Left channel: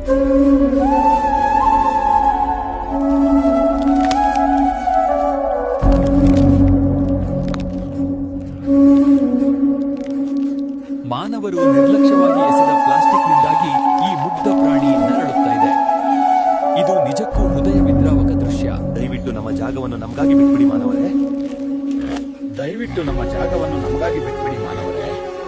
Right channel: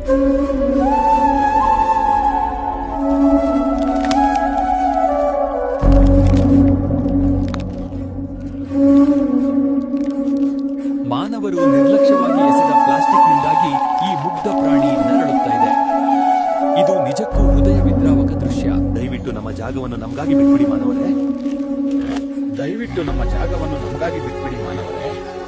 ಮಾನವರು ನಿರ್ಲಕ್ಷ್ಯವಾಗಿ ಎಸೆದ ಪ್ಲಾಸ್ಟಿಕ್ನಿಂದಾಗಿ ಈ ಮುಗ್ಧ ಪ್ರಾಣಿ ನರಳುತ್ತಾ ಇದೆ. ಇದು ನಿಜಕ್ಕೂ ಹೃದಯ ವಿದ್ರಾವಕ ದೃಶ್ಯ. ದಯವಿಟ್ಟು ನಮ್ಮ ಜಾಗವನ್ನು ನಮಗಾಗಿ ಬಿಟ್ಬಿಡಿ ಮಾನವರೇ. ದಯವಿಟ್ಟು ನಮ್ಮ ಜಾಗವನ್ನು ನಮಗಾಗಿ ಬಿಟ್ಬಿಡಿ ಮಾನವರೇ.